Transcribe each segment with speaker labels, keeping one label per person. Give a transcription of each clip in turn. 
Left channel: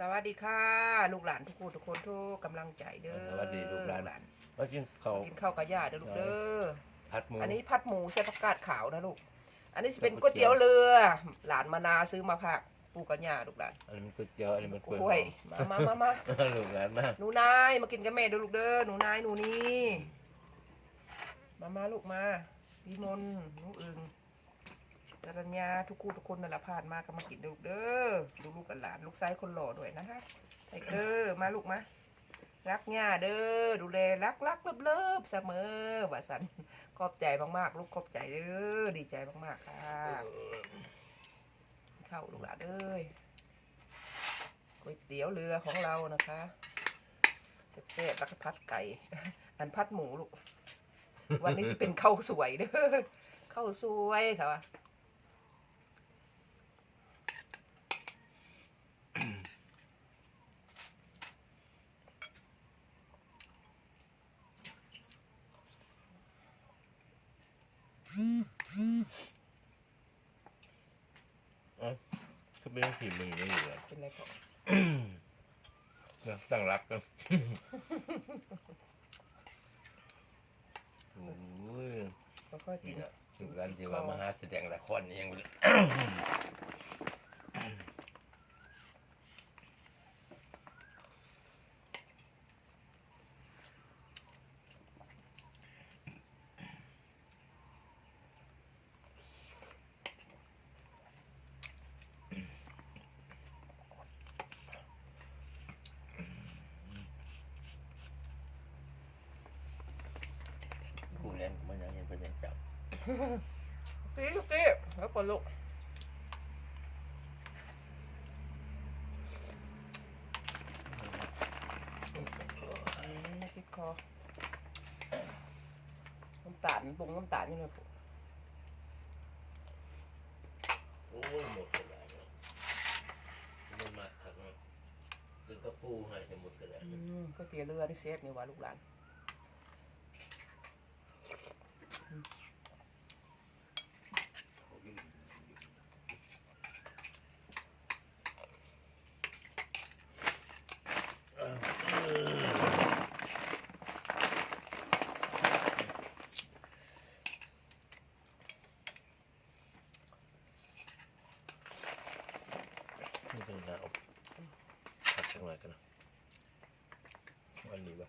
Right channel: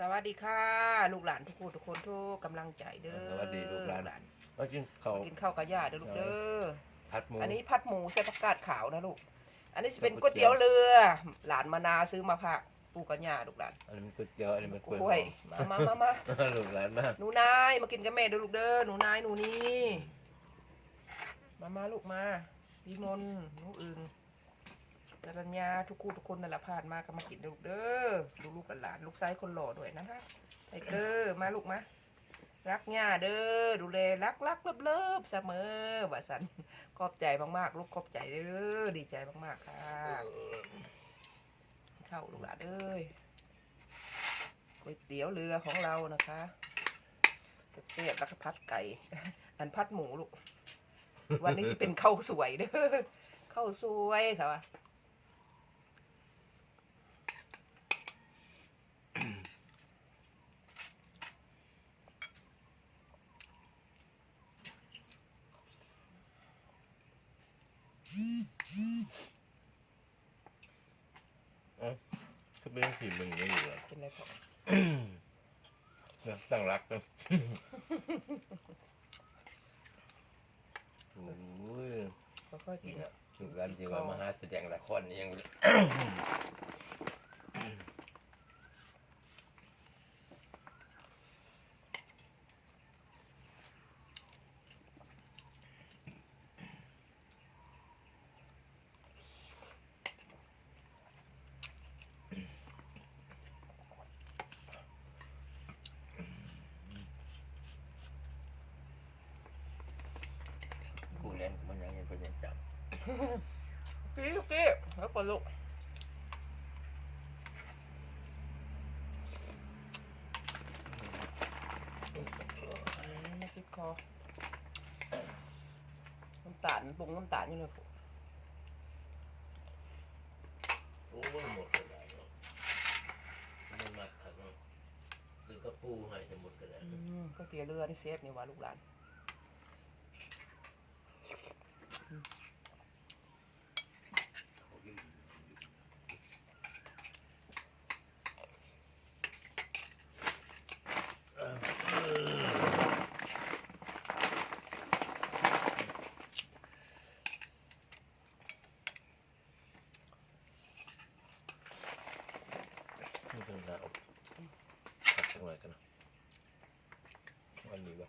Speaker 1: สวัสดีค่ะ ลูกหลานทุกคนทุกคนทุกกำลังใจเด้อ
Speaker 2: สวัสดีลูกหลานว่ากินเขาว
Speaker 1: กินข้าวกับย่าเด้อลูกเด้อ
Speaker 2: ผัดหมู
Speaker 1: อันนี้ผัดหมูใส่ผักกาดขาวนะลูก อันนี้จะเป็น
Speaker 2: ก๋
Speaker 1: ก๋ว
Speaker 2: วยยเตี๋
Speaker 1: เตี๋ย
Speaker 2: ยวว
Speaker 1: เรือ หลานมานาซื้อมาผักปูกับย่าลูกหลาน
Speaker 2: อันนี้มันก๋วยเตี๋ยวอันนี้มัน
Speaker 1: กล้วยมามามามา
Speaker 2: ลูกหลานมา
Speaker 1: หนูนายมากินกับแม่เด้อลูกเด้อหนูนายหนูนี่มามาลูกมาพี่มนต์หนูอึง กรัญญาทุกคู่ทุกคนนั่นแหละผ่านมาก็มากินลูกเด้อลูกลูกกับหลานลูกชายคนหล่อด้วยนะคะไทเกอร์มาลูกมารักย่าเด้อดูแลรักรักเลิบเลิบเสมอว่าสันขอบใจมากๆ ลูกขอบใจเด้อดีใจมากๆค่ะเข้าลูกหลานเอ้ยก๋วยเตี๋ยวเรือของเรานะคะเส็จแล้วก็พัดไก่ อันพัดหมูลูก วันนี้จะเป็นข้าวสวยเด้อข้าวสวยค่ะ ว่ะ
Speaker 2: ก็เป็นสีมึงไม่อยู่แล้ว
Speaker 1: เป็นไรพ่อ
Speaker 2: เนี่ยตั้งรักกันโอ้ย
Speaker 1: ค่อยๆกินอะ
Speaker 2: ถึงการที่ว่ามาหาแสดงละครนี่ยังบ่ได้ผู้เล่นมันยังเห็นเป็นยังจับ
Speaker 1: พี่ลู กกี้แล้วก่อนลูกอืมไม่ติดคอน้ำตาลปรุงน้ำตาลยังไงปุ๊
Speaker 2: โอ้ยหมดกระดาษเลยมันมัดถักเนาะหรือก็ปูให้จะหมดกระดาษ
Speaker 1: อืมก๋วยเตี๋ยวเรือนี่เซฟนี่หว่าลูกหลาน
Speaker 2: นี่เป็นหน้าอบผัดจังไรกันนะอันนี้ปะ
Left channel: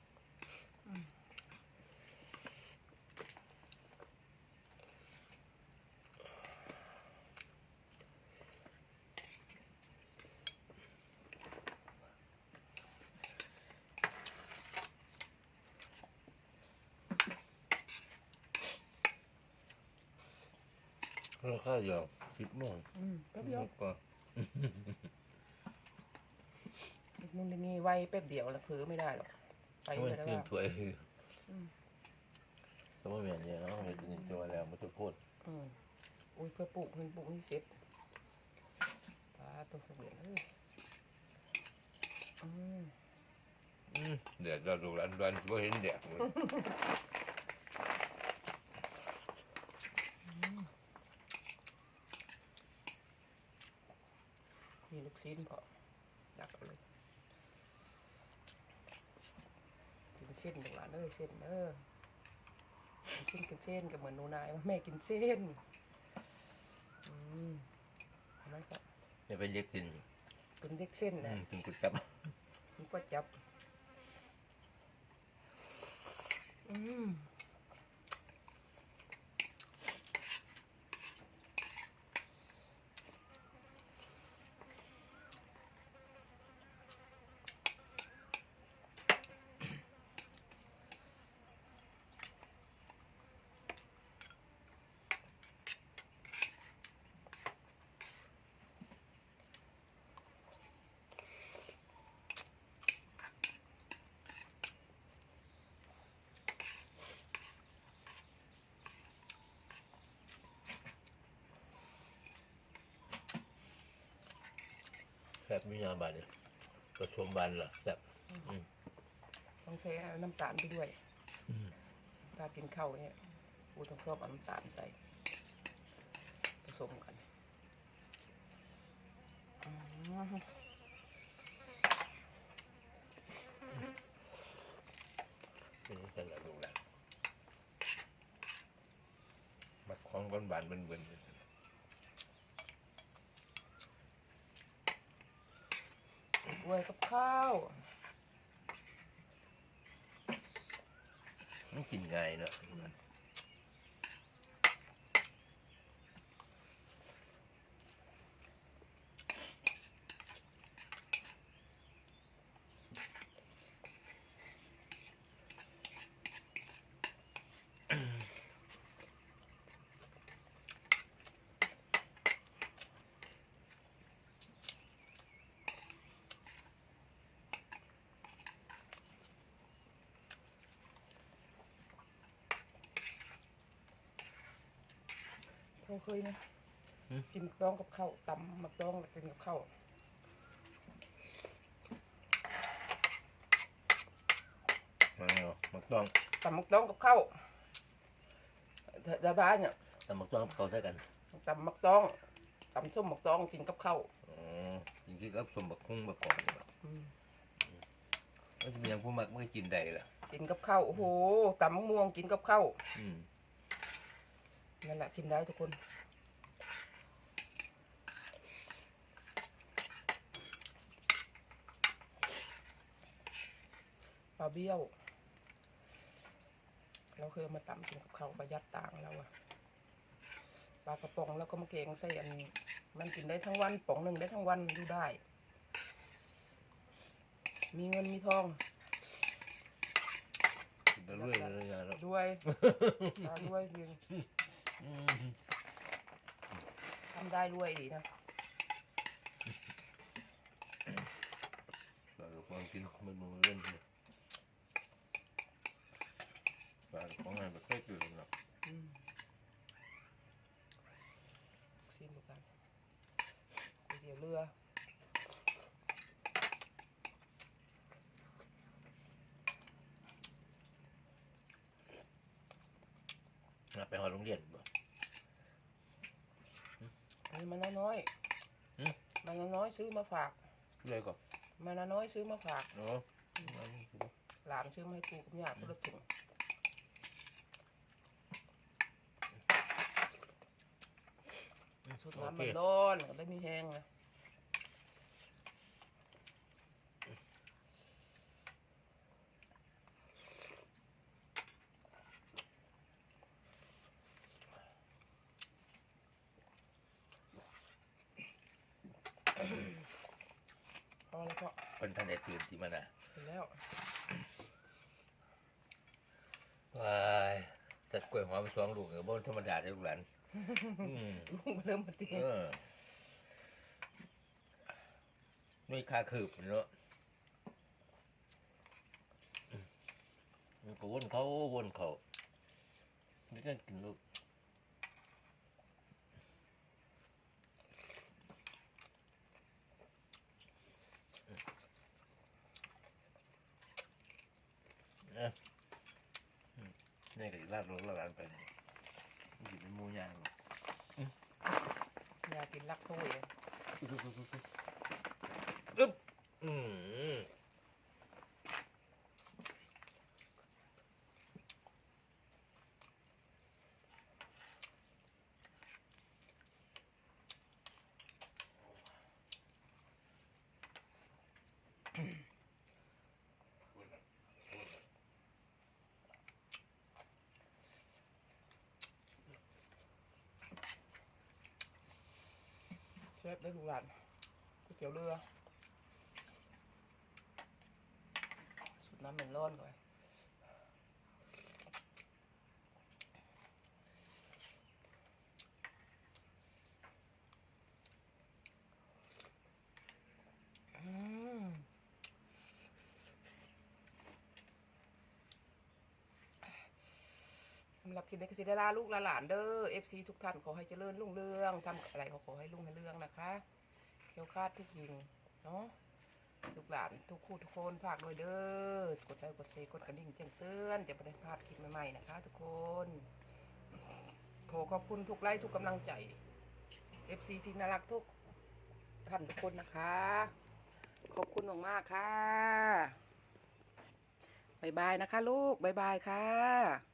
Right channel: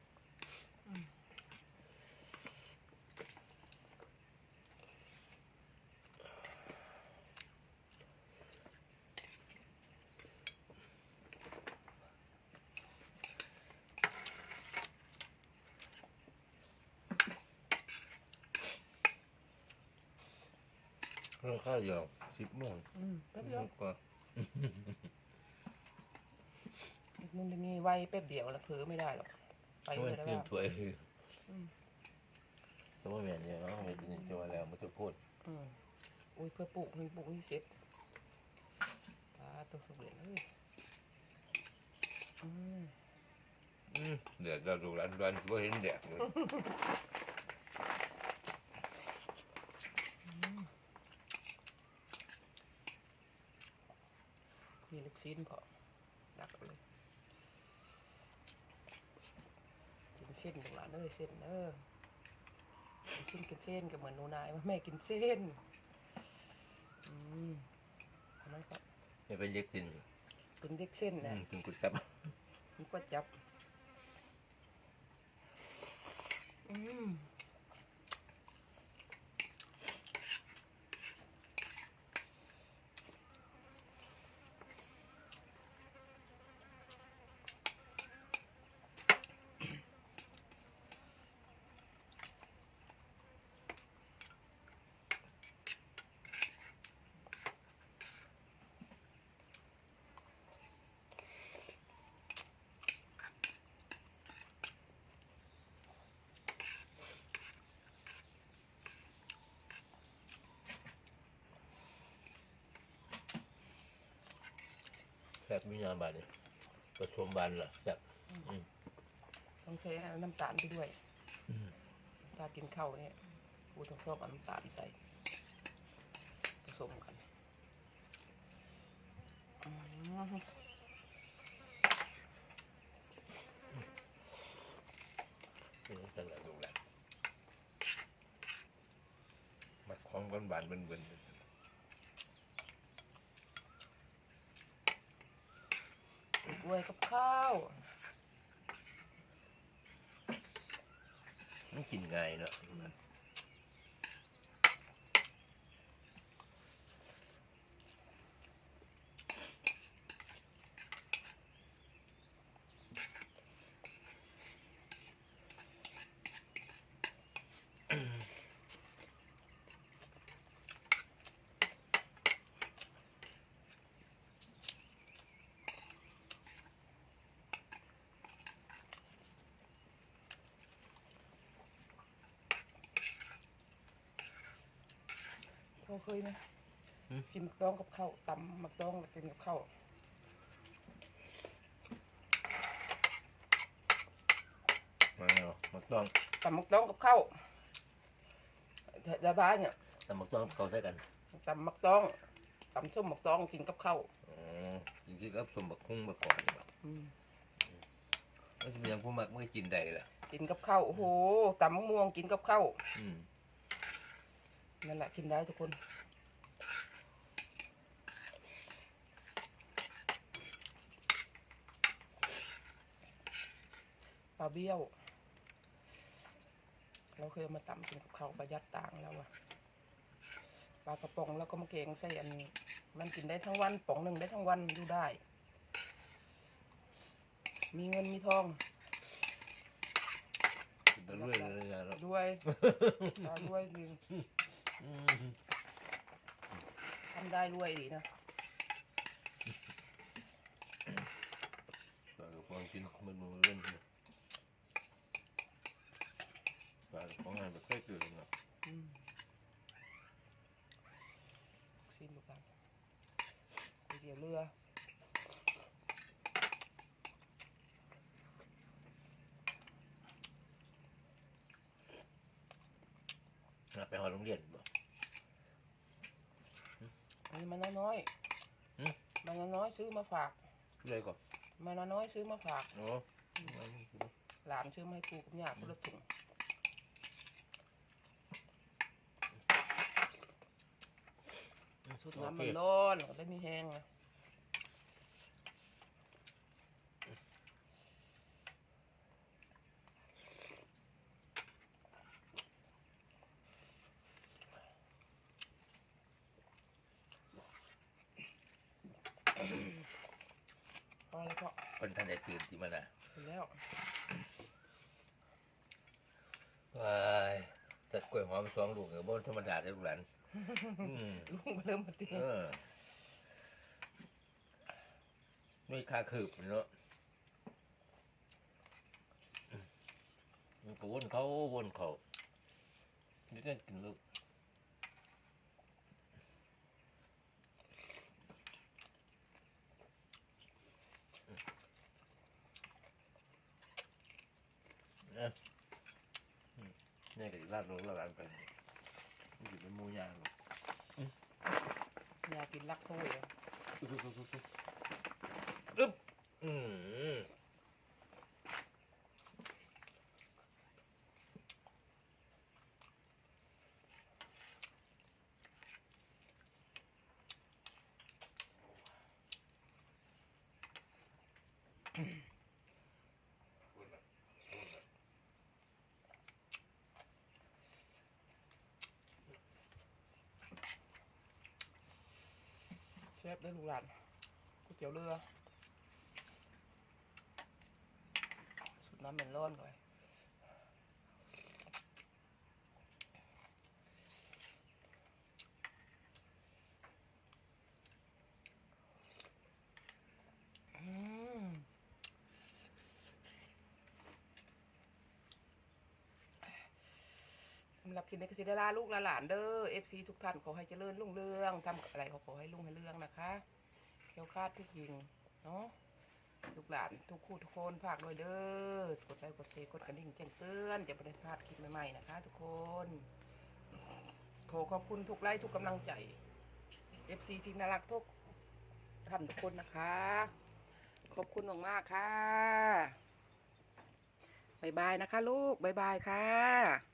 Speaker 2: เครื่องข้าวเดียวสิบโมง
Speaker 1: อืมแป๊บเดียว
Speaker 2: ก็
Speaker 1: อีกนึงนี่ไวแป๊บเดียวแล้วเผลอไม่ได้หรอกไป
Speaker 2: ไม่
Speaker 1: เลยแล้ว
Speaker 2: ขึ้น
Speaker 1: ว่า
Speaker 2: ถ้วย
Speaker 1: อืม
Speaker 2: สมมติแบบนี้เนาะเป็นตัวแล้วมันจะพูด
Speaker 1: อืมอุ้ยเพื่อปลูกมันปลูกนี่เสร็จปลาตัวเหรียญเอ้ยอืม
Speaker 2: แดดเราดูร้านร้านก็เห็นแดดเลย
Speaker 1: นี่ลูก ชิ้นพอดักเอาเลยกินเส้นตรงหลานเอ้ยเส้นเออกินเส้นกินเส้นก็เหมือนหนูนายว่าแม่กินเส้นอืมทำไมก็
Speaker 2: นี่เป็นเย็กกิน
Speaker 1: เป็นเด็กเส้นนะ
Speaker 2: กินกุจับ
Speaker 1: มันก็จับอืม
Speaker 2: แซ่บม่ยามบานเลยประชุมบานเหรอแซ่บ
Speaker 1: ต้องใช้น้ำตาลไปด้วยถ้ากินข้าวเนี่ยกูต้องชอบน้ำตาลใส่ผสมกันนี่เป็นอะไรดูแลมาคล้องกัน
Speaker 2: บานเป็น
Speaker 1: เบือน วยกับข้าว
Speaker 2: ๆมันกินไงเนาะ
Speaker 1: เราเคยไหมกินมักต้องกับข้าวตำมักต้องแล้วกินกับข้าว
Speaker 2: มาเนาะมักต้อง
Speaker 1: ตำมักต้องกับข้าวแต่แต่บ้านเนี่ย
Speaker 2: แต่มักต้องเขาใช้กัน
Speaker 1: ตำมักต้องตำส้มมักต้องกินกับข้าว
Speaker 2: อ๋อจริงๆก็สมบักคุ้งมาก่อนแบบ
Speaker 1: อืม
Speaker 2: ก็จะมีอย่างผู้มักไม่กินได้ล่ะ
Speaker 1: กินกับข้าวโอ้โหตำมะม่วงกินกับข้าว
Speaker 2: อืม
Speaker 1: นั่นแหละกินได้ทุกคน ปลาเบี้ยว เราเคยเอามาตำกินกับข้าวประหยัดต่างแล้วอะปลากระป๋องแล้วก็มาเกงใส่อันนี้ มันกินได้ทั้งวันป๋องหนึ่งได้ทั้งวันดูได้ มีเงินมีทอง
Speaker 2: กินไปเรื่อยเลยนะเนาะ
Speaker 1: ด้วยตาด้วยจริง
Speaker 2: อืม
Speaker 1: ทำได้ด้วยดีนะ
Speaker 2: ปลากระป๋องกินมันมือเล่นเลยปลากระป๋องงานแบบค่อยเกิดเนาะ
Speaker 1: อืมซีนดูกันก๋วยเตี๋ยวเรือ
Speaker 2: ไปหอโรงเรียนบ่
Speaker 1: อันนี้มันน้อย
Speaker 2: หืม
Speaker 1: ๆมันน้อยๆซื้อมาฝาก
Speaker 2: เลยก่อน
Speaker 1: มันน้อยๆซื้อมาฝาก
Speaker 2: เนาะ
Speaker 1: หลานซื้อมาให้ปู่กับย่าคนละถุงสุดน้ำมันร้อนก็ได้มีแห้งไง พอแล้วก็
Speaker 2: เป็นท่านได้ตื่นที่มันอะ
Speaker 1: เสร็จแล้ว
Speaker 2: ว้ายจัดกล้วยหอมสองลูกเออบ่ธรรมดาได้ลูกหลานอืม
Speaker 1: ลุงมาเริ่มมาตี
Speaker 2: เออไม่ค่าคืบเนาะมันก็วนเขาวนเขานี่นั่นกินลูกเนี่ยอื มนี่ก็ลาดลงลาดไปนี่กินเป็นหมูย่างหรอก
Speaker 1: อยากกินลักถ้วยเลย
Speaker 2: อึ๊บอืม
Speaker 1: เชฟได้ลูกหลานก๋วยเตี๋ยวเรือสุดน้ำเมนร้อนก่อน หรับคลิปนี้ก็สิได้ลาลูกลาหลานเด้อ FC ทุกท่านขอให้เจริญรุ่งเรืองทำอะไรก็ขอให้รุ่งให้เรืองนะคะเที่ยวคลาดทุกยิงเนาะลูกหลานทุกคู่ทุกคนฝากด้วยเด้อกดไลค์กดแชร์กดกระดิ่งแจ้งเตือนจะไม่ได้พลาดคลิปใหม่ๆนะคะ ทุกคนขอขอบคุณทุกไลค์ทุกกำลังใจ FC ที่น่ารักทุกท่านทุกคนนะคะ ขอบคุณมากๆค่ะบายบายนะคะ ลูกบายบายค่ะ